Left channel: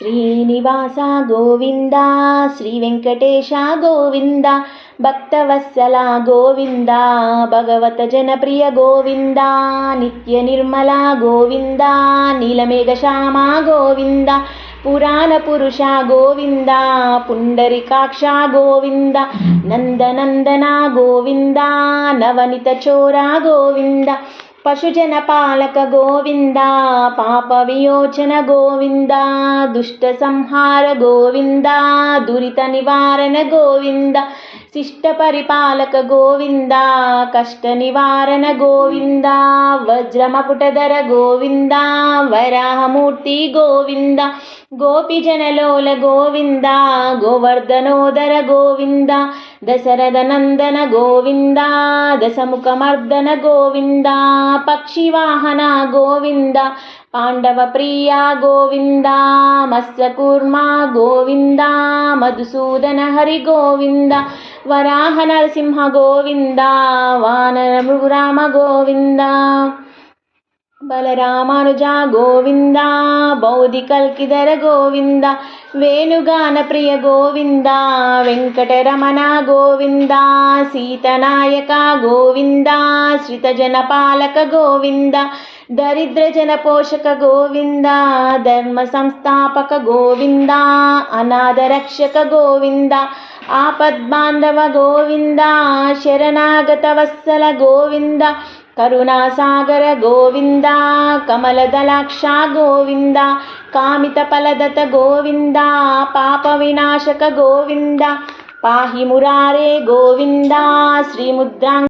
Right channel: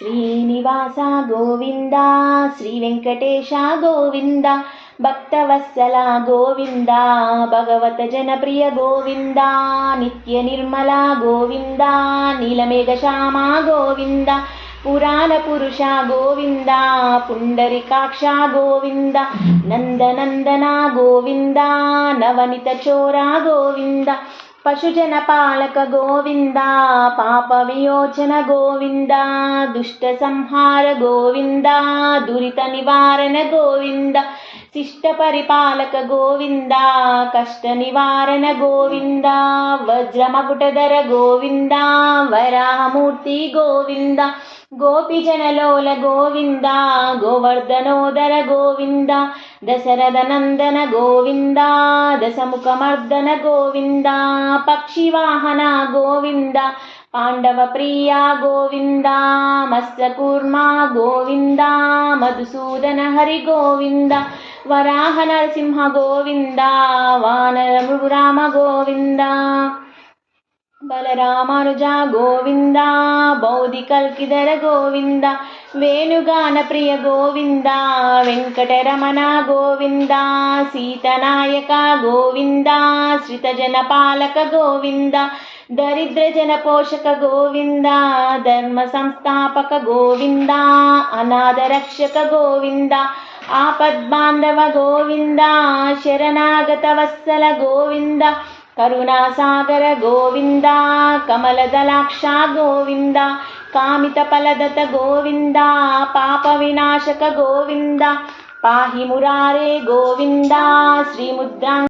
శ్రీనివాస గోవింద, శ్రీ వెంకటేశ గోవింద, భక్తవత్సల గోవింద, భగవత జనప్రియ గోవింద, నిత్య నిర్మల గోవింద, నీలమేఘ శ్యామ గోవింద, పురాణ పురుష గోవింద, పుండరికాక్ష గోవింద, నందనందన గోవింద, నవనిత చోర గోవింద, పశుజన పాలక గోవింద, పాప వియోచన గోవింద, దుష్ట సంహార గోవింద, దురిత నివారణ గోవింద, శిష్ట పరిపాలక గోవింద, కష్ట నివారణ గోవింద, వజ్రమకుటధర గోవింద, వరాహమూర్తి గోవింద, గోపిజనలోల గోవింద, గోవర్ధనోదర గోవింద, దశరథ నందన గోవింద, దశముఖమర్దన గోవింద, పక్షివాహన గోవింద, పాండవ ప్రియ గోవింద, మత్స్యకూర్మ గోవింద, మధుసూదన హరి గోవింద, వరాహ నరసింహ గోవింద, వానర మృగరామ గోవింద, బలరామానుజ గోవింద, బౌద్ధి కల్కిధర గోవింద, వేణుగాన ప్రియ గోవింద, వెంకటరమణ గోవింద, సీతనాయక గోవింద, శ్రితజన పాలక గోవింద, దరిద్ర జన పోషక గోవింద, ధర్మ సంస్థాపక గోవింద, అనాథ రక్షక గోవింద, ఆపద్బాంధవ గోవింద, శరణాగత వత్సల గోవింద, కరుణాసాగర గోవింద, కమలదలాక్ష గోవింద, కామిత ఫలదత గోవింద, పాప వినాశక గోవింద, పాహి మురారే గోవింద, శ్రీముద్రా